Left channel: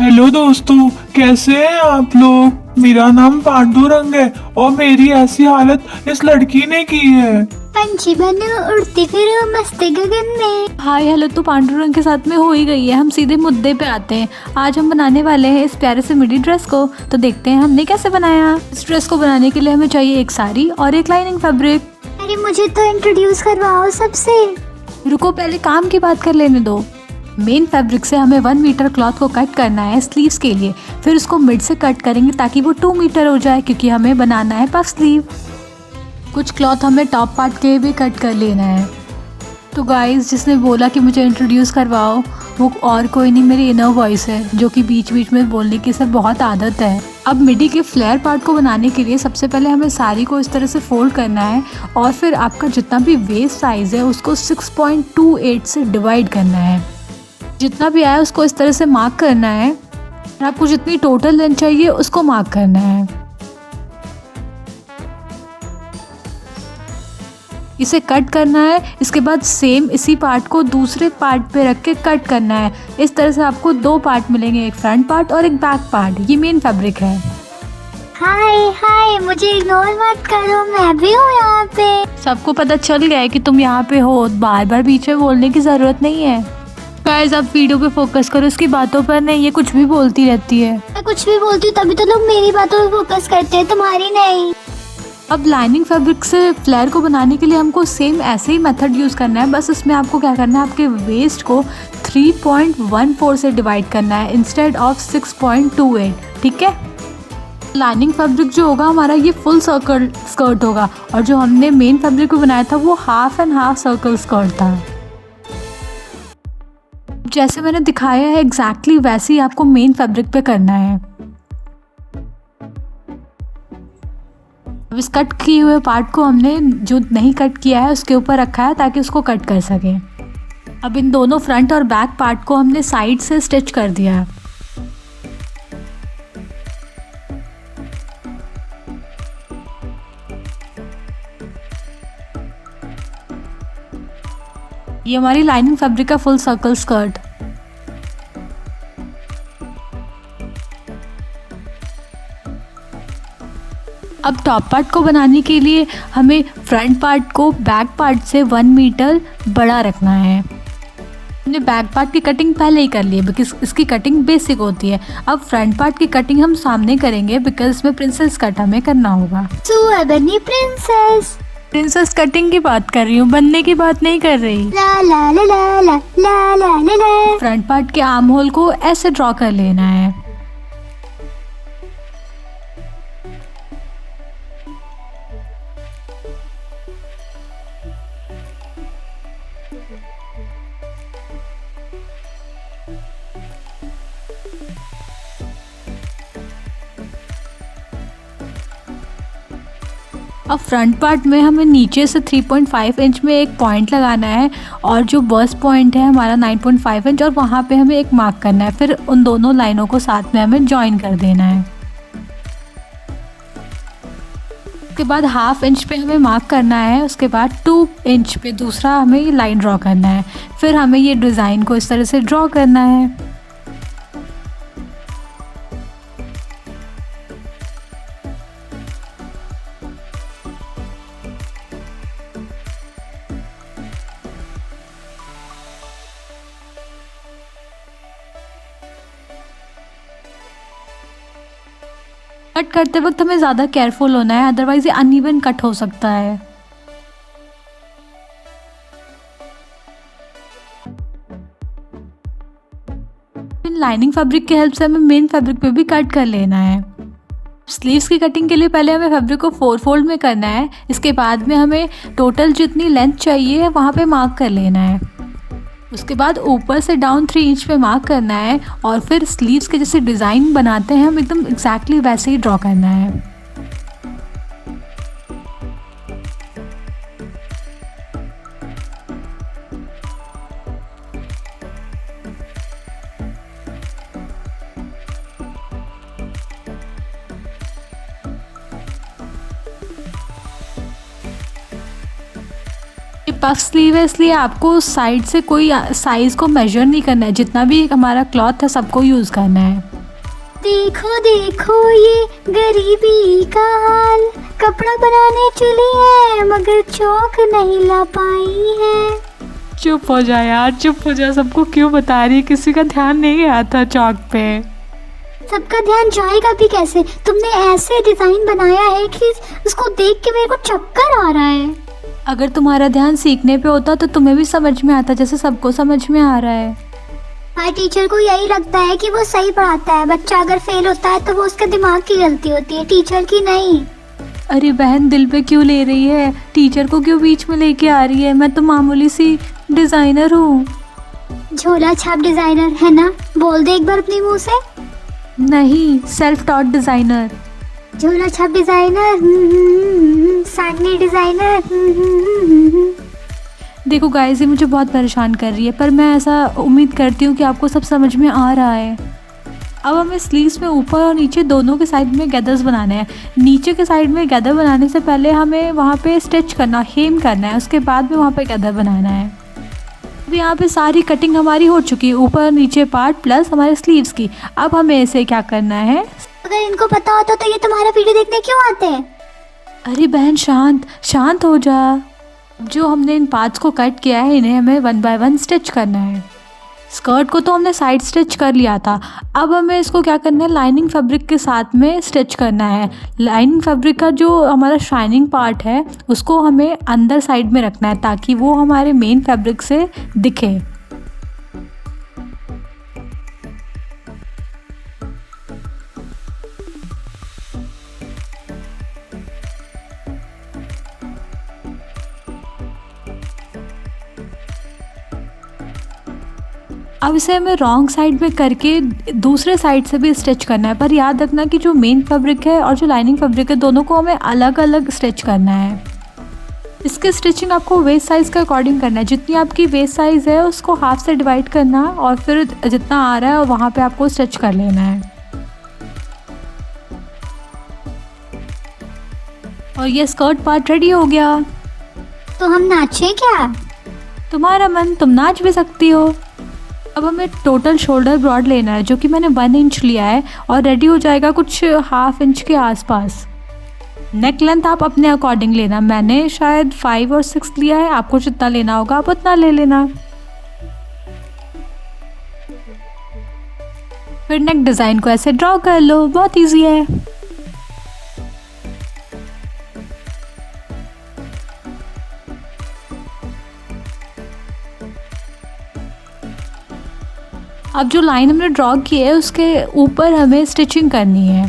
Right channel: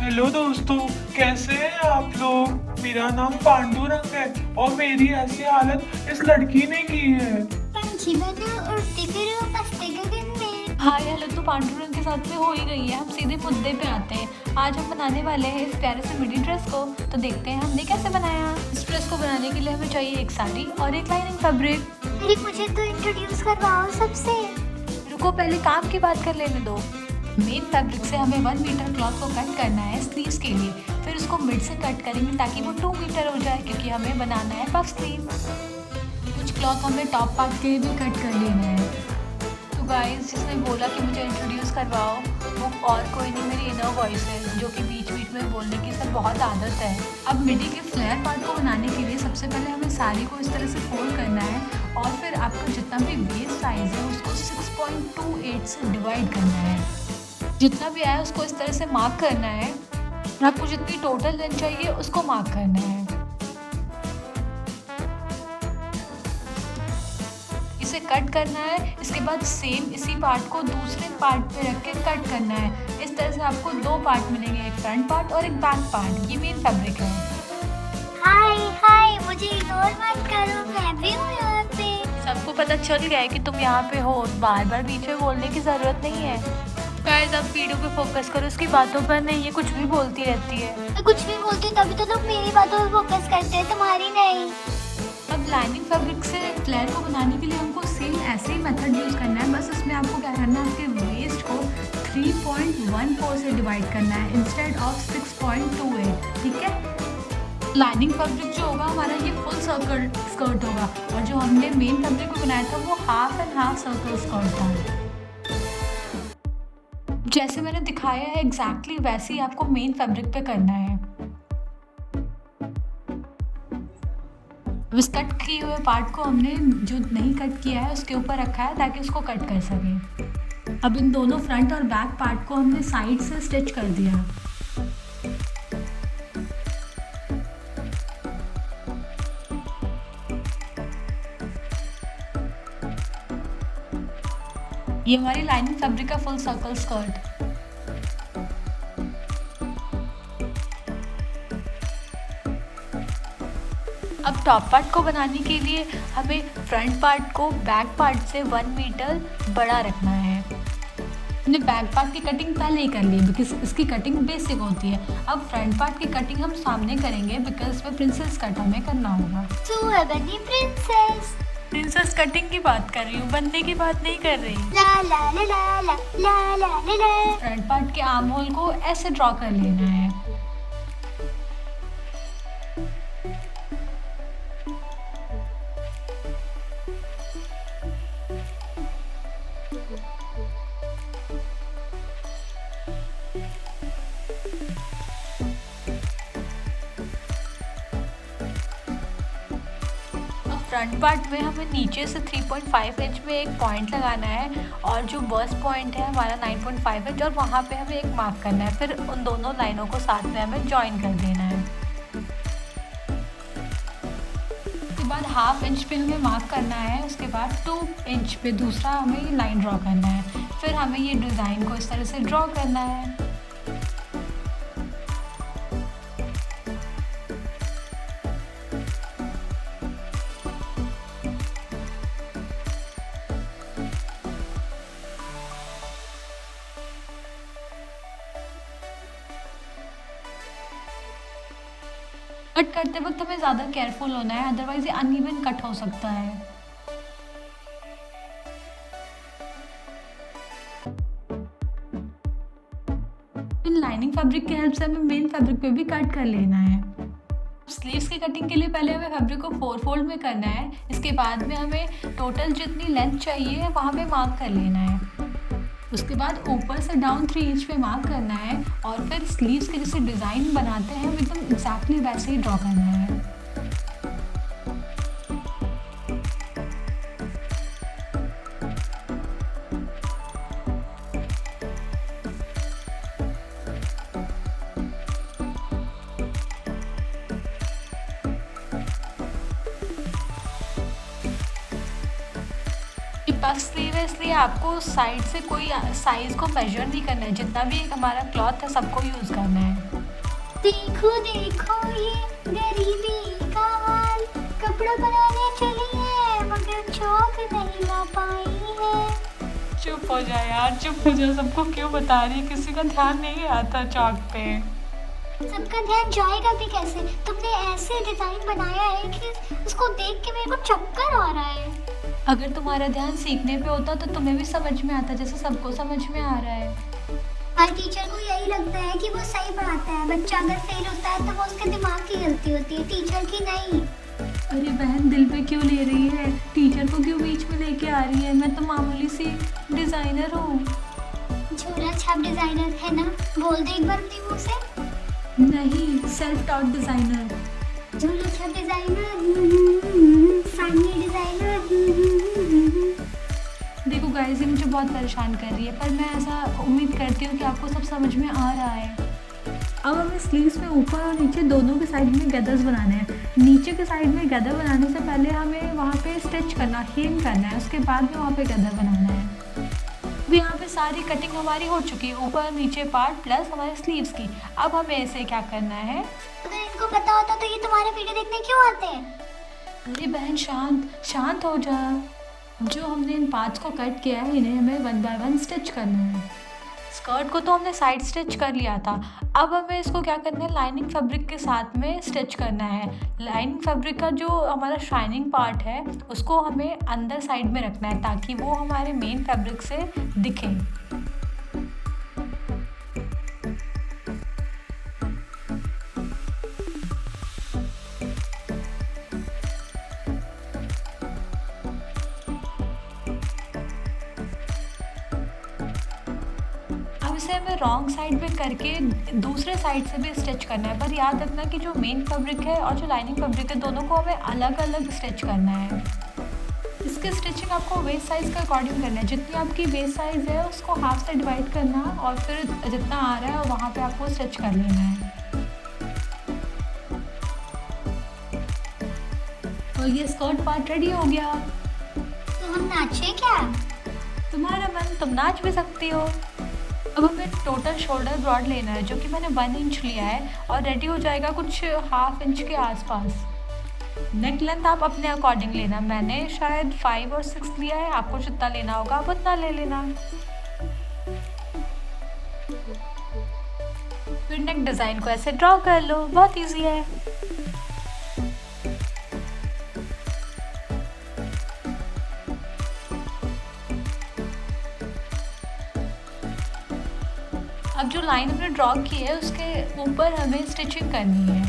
Hello दोस्तों, कैसे हैं आप लोग। मेरा नाम पांडुरंग है और मेरी ऐसी हालत इस लड़की ने की है। पंछी बनो उड़ती फिरो मस्त गगन में। हाय हेलो तो पांडुरंग के साथ में हो ही गई है। हम सीधे मुद्दे पे आते हैं। आज हम बनाने वाले हैं इस प्यारे से मिडी ड्रेस को। तो देखते हैं हमने कैसे बनाया। इस ड्रेस को बनाने के लिए हमें चाहिए एक साड़ी और एक लाइनिंग फैब्रिक। अरे मुझे तो इंट्रोड्यूस करवाओ सबसे। रुको, पहले काम की बात कर लेने दो। मेन फैब्रिक से हमें 1 मीटर क्लॉथ को कट करना है स्लीव्स के लिए। फिर उसको मिड से कट करेंगे ताकि वो 2 मीटर हो जाए, क्योंकि हमें बनाना है पफ स्लीव। कुछ क्लॉथ हमें टॉप पार्ट के भी कट कर लेना है। तो गाइस, जिसने बोला कि मुझे इंट्रोड्यूस करवाओ वो और कोई नहीं, मेरी इनर वॉइस है, जो कि बीच बीच में बोलने की सर बहुत आदत है। अब मिडी के फ्लेयर पार्ट को बनाने के लिए सबसे पहले हमें साड़ी को इस तरह से फोल्ड करना है और फिर आपका जितना भी वेस्ट साइज़ है उसको 6.28 से डिवाइड करना है। जितना भी आया उसको इस तरह से मार्क करना है और आपको जितनी टोटल लेंथ चाहिए उसको मार्क करना है। इसे कट करना है। इसके बाद सेम इसी पार्ट को दूसरे पार्ट पे रख के कट करना है। इस तरह से आपको 2 पार्ट मिलेंगे, एक फ्रंट पार्ट और एक बैक पार्ट। ये मेन फैब्रिक है। हाय हाय, मुझे इग्नोर मत करो, मैं भी हूँ यहाँ पे। सबको पता चल गया है कि तुम यहाँ पे हो, बार बार बीच में बोलने की ज़रूरत नहीं है। गाइस, आप वीडियो पे फोकस करो, इसकी बातों पर नहीं। ये कुछ भी बोलती रहती है। मैं कुछ भी बोलती हूँ तभी तो लोग मेरी बातों पे फोकस करते हैं, तुम्हारी नहीं। अब लाइनिंग फैब्रिक से फ्लेयर को बनाने के लिए हमको सेम ऐसे ही मेथड यूज़ करना है। बस इसमें आपको क्या करना है, आपके वेस्ट को 3.14 से डिवाइड करना है इंस्टेड ऑफ 6.28। ठीक है। लाइनिंग फैब्रिक जो होगा हमारा, ये फुल सर्कल स्कर्ट होगा और जो हमने मेन फैब्रिक को बनाया था वो half and half circle skirt था। जैसे मैंने दिखाया है एग्जैक्टली वैसे ही आपको मेन फैब्रिक पे करना है। अब इस कट किए हुए पार्ट को हमने जो नहीं कट किया है उसके ऊपर रखा है ताकि उसको कट कर सकें। अब इन दोनों फ्रंट और बैक पार्ट को हमने साइड से स्टिच कर दिया है। ये हमारी लाइनिंग फैब्रिक का फुल सर्कल स्कर्ट। अब टॉप पार्ट को बनाने के लिए हमें फ्रंट पार्ट को बैक पार्ट से 1 मीटर बड़ा रखना है। हमने बैक पार्ट की कटिंग पहले ही कर ली है बिकॉज इसकी कटिंग बेसिक होती है। अब फ्रंट पार्ट की कटिंग हम सामने करेंगे बिकॉज इसमें प्रिंसेस कट हमें करना होगा। तू बनी प्रिंसेस। प्रिंसेस कटिंग की बात कर रही हूँ, बनने की बात नहीं कर रही। ला ला ला ला ला ला ला ला ला। फ्रंट पार्ट के आर्म होल को ऐसे ड्रॉ कर लेना है। अब फ्रंट पार्ट में हमें नीचे से 3.5 इंच में एक पॉइंट लगाना है और जो बर्स्ट पॉइंट है हमारा 9.5 इंच, और वहाँ पे हमें एक मार्क करना है। फिर उन दोनों लाइनों को साथ में हमें जॉइन कर देना है। उसके बाद 1/2 इंच पे हमें मार्क करना है। उसके बाद 2 इंच पे दूसरा हमें ये लाइन ड्रॉ करना है। फिर हमें ये डिज़ाइन को इस तरह से ड्रॉ करना है। कट करते वक्त हमें ज़्यादा केयरफुल होना है, अदरवाइज ये अनइवन कट हो सकता है। इन लाइनिंग फैब्रिक की हेल्प से हमें मेन फैब्रिक पे भी कट कर लेना है। स्लीव्स की कटिंग के लिए पहले हमें फैब्रिक को 4 फोल्ड में करना है। इसके बाद में हमें टोटल जितनी लेंथ चाहिए है वहाँ पे मार्क कर लेना है। उसके बाद ऊपर से डाउन 3 इंच पे मार्क करना है और फिर स्लीव्स के जैसे डिज़ाइन बनाते हैं हम एकदम एग्जैक्टली वैसे ही ड्रॉ करना है। पफ स्लीव है इसलिए आपको साइड से कोई साइज़ को मेजर नहीं करना है, जितना भी हमारा क्लॉथ है सबको यूज़ करना है। देखो देखो ये गरीबी का हाल, कपड़ा बनाने चली है मगर चौक नहीं ला पाई है। चुप हो जा यार, चुप हो जा, सबको क्यों बता रही है, किसी का ध्यान नहीं गया था चौक पे। सबका ध्यान जाएगा भी कैसे? तुमने ऐसे डिजाइन बनाया है कि उसको देख के मेरे को चक्कर आ रहा है। अगर तुम्हारा ध्यान सीखने पे होता तो तुम्हें भी समझ में आता जैसे सबको समझ में आ रहा है। हर टीचर को यही लगता है कि वो सही पढ़ाता है, बच्चा अगर फेल होता है तो वो उसके दिमाग की गलती होती है, टीचर की नहीं। अरे बहन, दिल पे क्यों ले रही है, टीचर को क्यों बीच में लेके आ रही है? मैं तो मामूली सी डिज़ाइनर हूँ। झोला छाप डिजाइनर है ना? बोल दे एक बार अपने मुंह से। नहीं, सेल्फ टॉट डिज़ाइनर। झोला छाप डिजाइनर, साड़नी डिजाइनर। देखो गाइस, ये मुझे बहुत परेशान कर रही है, पर मैं ऐसा उम्मीद करती हूँ कि आपको सब समझ में आ रहा है। अब हमें स्लीव्स में ऊपर और नीचे दोनों के साइड में गैदर्स बनाने हैं। नीचे के साइड में गैदर बनाने से पहले हमें वहाँ पे स्टिच करना, हेम करना है, उसके बाद में वहाँ पे गैदर बनाना है। अब यहाँ पे सारी कटिंग हमारी हो चुकी है, ऊपर और नीचे पार्ट प्लस हमारे स्लीव्स की। अब हमें इसे क्या करना है? अगर इनको पता होता तो ये तुम्हारा वीडियो देखने क्यों आते हैं? अरे बहन, शांत शांत हो जा। जो हमने इन पार्ट्स को कट किया है इन्हें हमें 1 बाय 1 स्टिच करना है। स्कर्ट को तो हमने साइड स्टिच कर लिया था, अब हमें इसको क्या करना है, लाइनिंग फैब्रिक के साथ में स्टिच करना है। लाइनिंग फैब्रिक का जो हमारा शाइनिंग पार्ट है उसको हमें अंदर साइड में रखना है ताकि वो हमारे मेन फैब्रिक से दिखे। अब इसे हमें रॉन्ग साइड में करके दूसरे साइड से भी स्टिच करना है, पर याद रखना कि जो मेन फैब्रिक है और जो लाइनिंग फैब्रिक है दोनों को हमें अलग अलग स्टिच करना है। इसकी स्टिचिंग आपको वेस्ट साइज़ के अकॉर्डिंग करना है। जितनी आपकी वेस्ट साइज़ है उसको हाफ से डिवाइड करना है और फिर जितना आ रहा है वहाँ पे आपको स्टिच कर लेना है। और ये स्कर्ट पार्ट रेडी हो गया। तो हम नाचें क्या? तुम्हारा मन, तुम नाच भी सकती हो। अब हमें टोटल शोल्डर ब्रॉड लेना है जो कि मैंने 1 इंच लिया है और रेडी हो जाएगा कुछ ½ इंच के आसपास। नेक लेंथ आप अपने अकॉर्डिंग लेना, मैंने शायद 5 और 6 लिया है, आपको जितना लेना होगा आप उतना ले लेना। फिर नेक डिज़ाइन को ऐसे ड्रॉ कर लो, बहुत इजी है। अब जो लाइन हमने ड्रॉ की है उसके ऊपर हमें स्टिचिंग करनी है।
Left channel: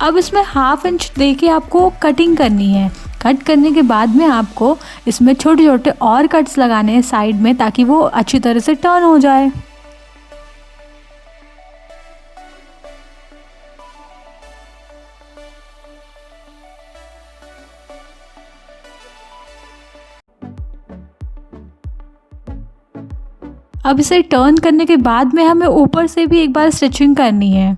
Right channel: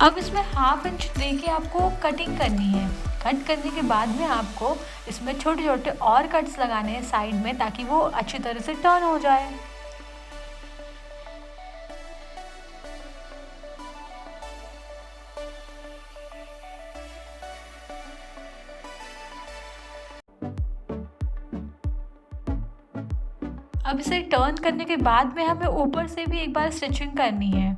अब इसमें ½ इंच देके आपको कटिंग करनी है। कट करने के बाद में आपको इसमें छोटे छोटे और कट्स लगाने हैं साइड में ताकि वो अच्छी तरह से टर्न हो जाए। अब इसे टर्न करने के बाद में हमें ऊपर से भी एक बार स्टिचिंग करनी है।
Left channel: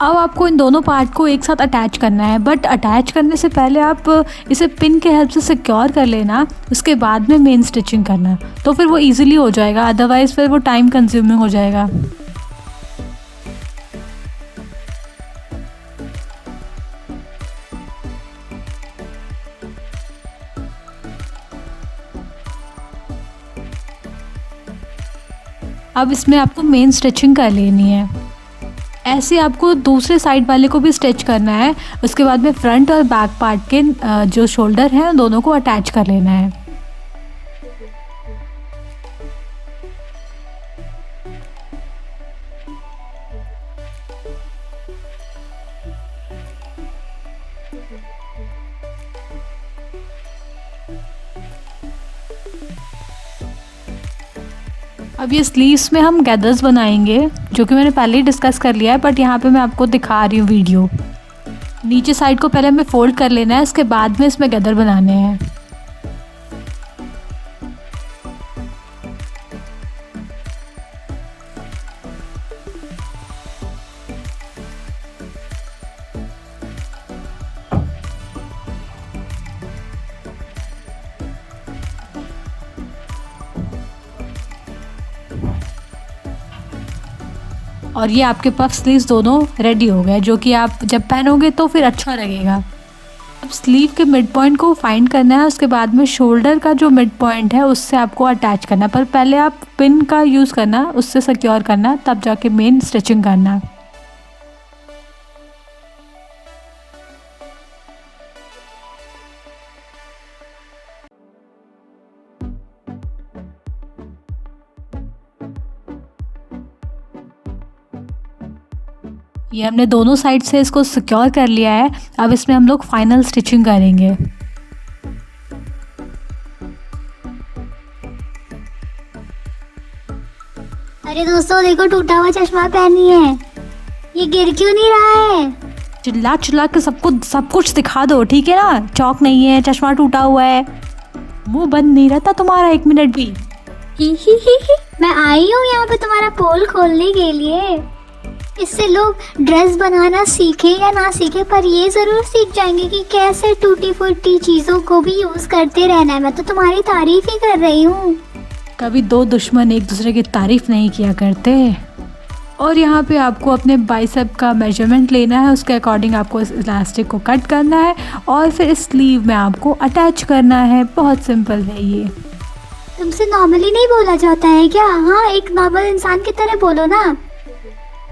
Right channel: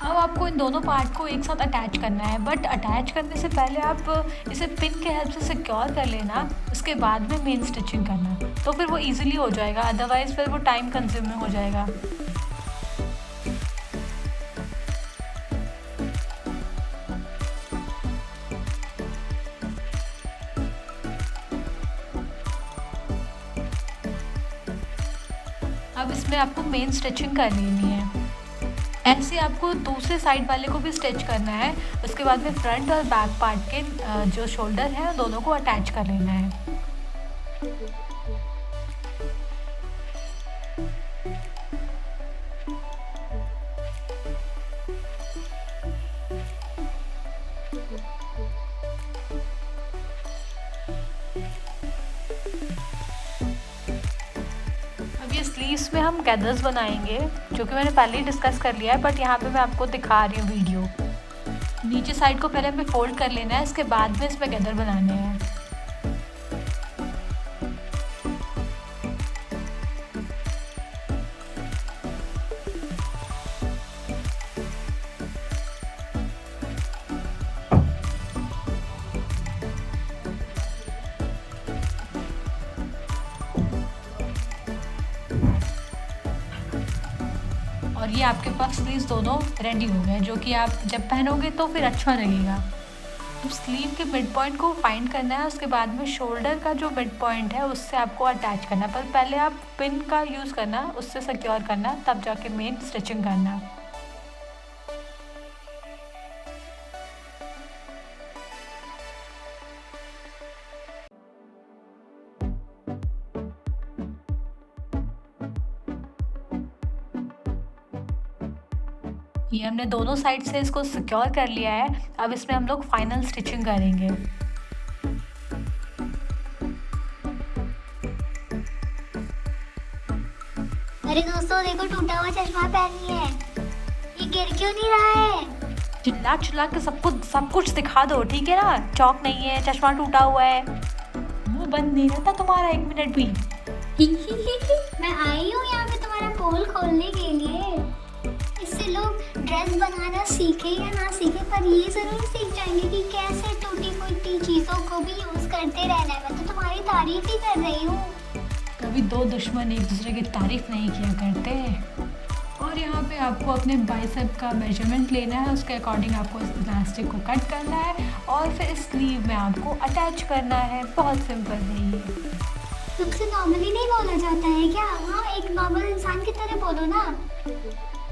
अब आपको इन दोनों पार्ट को एक साथ अटैच करना है, बट अटैच करने से पहले आप इसे पिन के हेल्प से सिक्योर कर लेना, उसके बाद में मेन स्टिचिंग करना, तो फिर वो इजीली हो जाएगा, अदरवाइज़ फिर वो टाइम कंज्यूमिंग हो जाएगा। अब इसमें आपको मेन स्टिचिंग कर लेनी है। ऐसे आपको दूसरे साइड वाले को भी स्टिच करना है। उसके बाद में फ्रंट और बैक पार्ट के जो शोल्डर हैं दोनों को अटैच कर लेना है। अब ये स्लीव्स में हम गैदर्स बनाएंगे, जो कि मैंने पहले ही डिस्कस कर लिया है, बट यहाँ पे मैं आपको दिखा रही हूँ वीडियो। नीचे साइड को पहले हमें फोल्ड कर लेना है, उसके बाद में इसमें गैदर बनाने हैं। और ये आपके पफ स्लीव्स दोनों रेडी हो गए, जो कि आप जब पहनोगे तो फिर अच्छा लगेगा। अब स्लीव के मिड पॉइंट को फाइंड करना है, उसके बाद में शोल्डर का जो मिड पॉइंट है उससे आपको अटैच करना, पर पहले आप पिन का यूज़ करना, उससे सिक्योर करना, तब जाके मेन स्टिचिंग करना। ये हमने दोनों साइड से इसको सिक्योर कर लिया है। अब इसमें हम लोग फाइनल स्टिचिंग करेंगे। अरे दोस्तों देखो, टूटा हुआ चश्मा पहनी है, ये गिर क्यों नहीं रहा है? चिल्ला चिल्ला के सबको सब कुछ दिखा दो, ठीक है ना? चौक नहीं है, चश्मा टूटा हुआ है, मुंह बंद नहीं रहता तुम्हारा 1 मिनट भी। मैं आई हूँ यहाँ पे तुम्हारा पोल खोलने के लिए। इससे लोग ड्रेस बनाना सीखे या ना सीखे, पर ये जरूर सीख जाएंगे कि कैसे टूटी फूटी चीजों को भी यूज करते रहना है। मैं तो तुम्हारी तारीफ ही कर रही हूँ। कभी दो दुश्मन एक दूसरे की तारीफ नहीं किया करते। और यहाँ पे आपको अपने बाइसेप का मेजरमेंट लेना है, उसके अकॉर्डिंग आपको इस इलास्टिक को कट करना है और फिर इस स्लीव में आपको अटैच करना है। बहुत सिंपल है ये। तुमसे नॉर्मली नहीं बोला जाता है क्या? हाँ, एक नॉर्मल इंसान की तरह बोलो ना।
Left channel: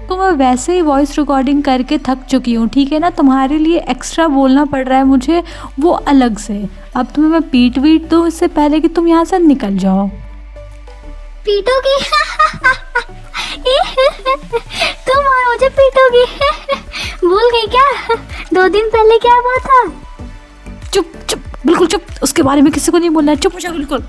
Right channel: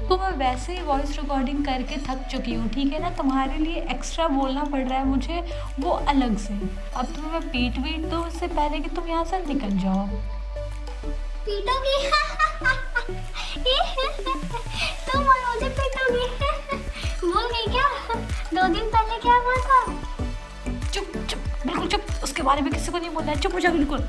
तो मैं वैसे ही वॉइस रिकॉर्डिंग करके थक चुकी हूँ, ठीक है ना? तुम्हारे लिए एक्स्ट्रा बोलना पड़ रहा है मुझे, वो अलग से। अब तुम्हें मैं पीट वीट दूँ इससे पहले कि तुम यहाँ से निकल जाओ। पीटोगी? तुम और मुझे पीटोगी? भूल गई क्या 2 दिन पहले क्या हुआ था? चुप चुप, बिल्कुल चुप। उसके बारे में किसी को नहीं बोलना है, चुप हो जा बिल्कुल।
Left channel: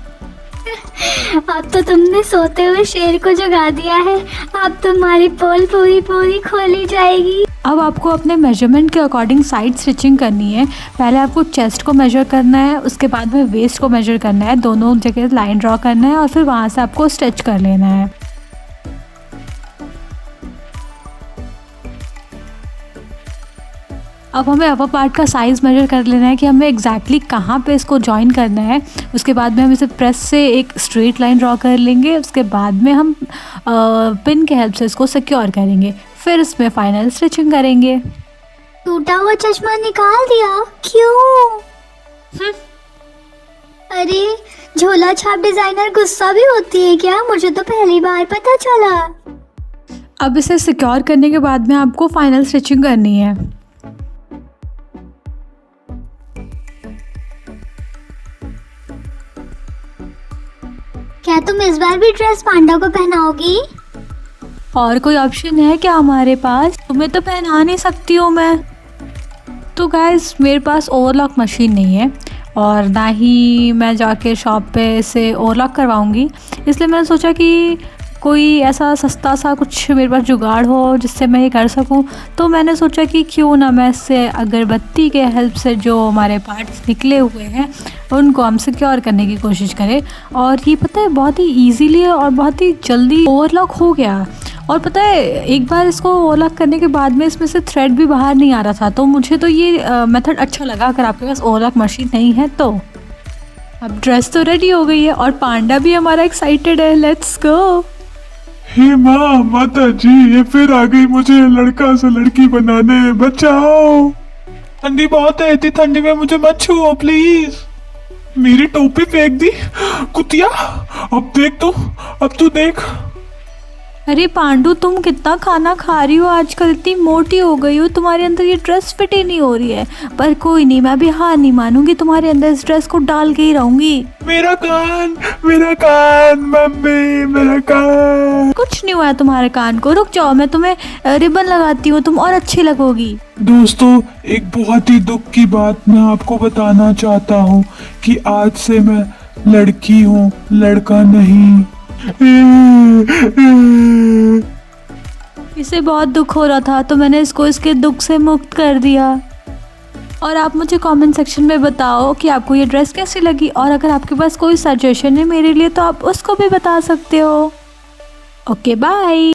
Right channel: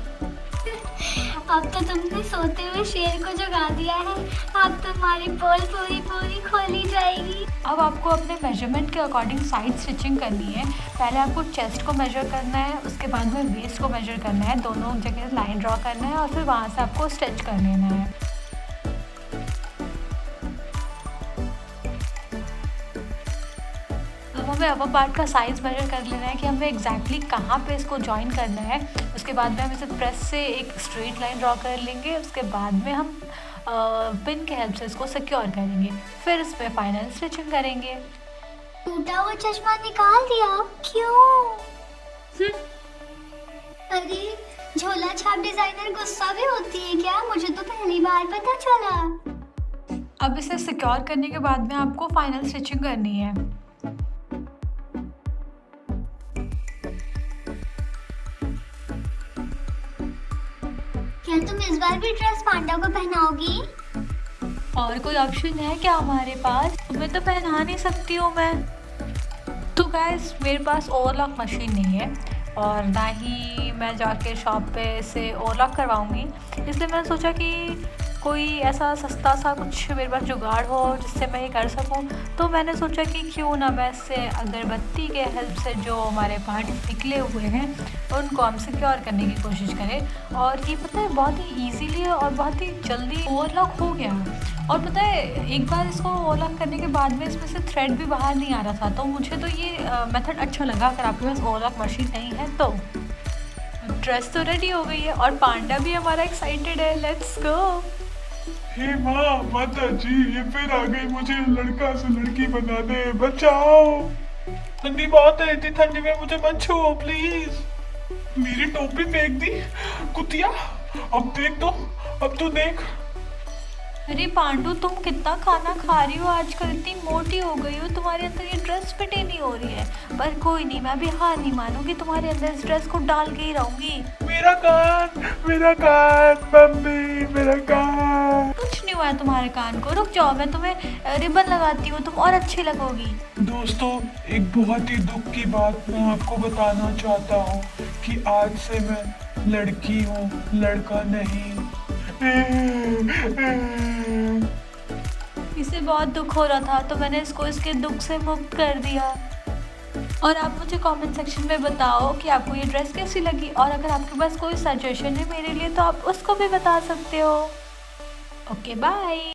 अब तो तुमने सोते हुए शेर को जगा दिया है। अब तुम्हारी पोल पूरी पूरी खोली जाएगी। अब आपको अपने मेजरमेंट के अकॉर्डिंग साइड स्टिचिंग करनी है। पहले आपको चेस्ट को मेजर करना है, उसके बाद में वेस्ट को मेजर करना है, दोनों जगह लाइन ड्रॉ करना है और फिर वहाँ से आपको स्टिच कर लेना है। अब हमें अपर पार्ट का साइज़ मेजर कर लेना है कि हमें एग्जैक्टली कहाँ पे इसको जॉइन करना है। उसके बाद में हम इसे प्रेस से एक स्ट्रेट लाइन ड्रॉ कर लेंगे। उसके बाद में हम पिन के हेल्प से इसको सिक्योर करेंगे, फिर इसमें फाइनल स्टिचिंग करेंगे। टूटा हुआ चश्मा निकाल दिया? क्यों? अरे, झोला छाप डिजाइनर गुस्सा भी होती है क्या? मुझे तो पहली बार पता चला। अब इसे सिक्योर करने के बाद में आपको फाइनल स्टिचिंग करनी है। क्या तुम इस बार भी ड्रेस पांडा को पहनाओगी? और कोई ऑप्शन है क्या हमारे पास? तुम्हें तो पहना नहीं सकती हूँ मैं। तो गाइस, मेरे पास ओवरलॉक मशीन नहीं है और ना ही मैं जाके शॉप पे इसे ओवरलॉक करवाऊँगी, इसलिए मैंने सोचा कि कोई ऐसा सस्ता सा कुछ मेरे पास जुगाड़ हो जिससे मैं ये कर सकूं। तो मैंने सोचा कि क्यों ना मैं इससे अगरबत्ती के हेल्प से जो हमारे पार्ट्स निकले हुए हैं उनको हम सिक्योर करने की कोशिश करें। और ये पता है बहुत ही ईजीली और बहुत ही जल्दी ओवरलॉक हो गया। और पता है, एक बार इसको ओवरलॉक करने के बाद में इसमें से थ्रेड भी बाहर नहीं आ रहा था, तो मुझे तो ये मेथड अच्छा लगा। अगर आपके पास ओवरलॉक मशीन नहीं है तो। अब ड्रेस तो रेडी हो गई है और पांडा भी हमारा एक्साइटेड है। Let's go. हे माँ, माता जी, ये फिर आ गई मुझे लड़का से लड़की बनाने। बचाओ, ठंडी बहुत है, इतनी ठंडी में मुझे मत छुओ प्लीज। मेरी टोपी फेंक दी कुतिया। अब देख तो, अब तू देख। अरे पांडु, तुम कितना खाना खा रही हो आजकल, इतनी मोटी हो गई हो, तुम्हारे अंदर ये ड्रेस फिट ही नहीं हो रही है। पर कोई नहीं, मैं भी हार नहीं मानूंगी, तुम्हारे अंदर इस ड्रेस को डाल के ही रहूंगी। मेरा कान, मम्मी, मेरा कान। कुछ नहीं हुआ है तुम्हारे कान को, रुक जाओ, मैं तुम्हें रिबन लगाती हूँ, तुम और अच्छी लगोगी। दोस्तों, एक बहुत ही दुख की बात मैं आपको बताना चाहता हूँ कि आज से मैं लड़की हूँ, लड़का नहीं। इसे बहुत दुख हो रहा था तो मैंने इसको इसके दुख से मुक्त कर दिया। और आप मुझे कमेंट सेक्शन में बताओ कि आपको ये ड्रेस कैसी लगी, और अगर आपके पास कोई सजेशन है मेरे लिए तो आप उसको भी बता सकते हो। Okay bye.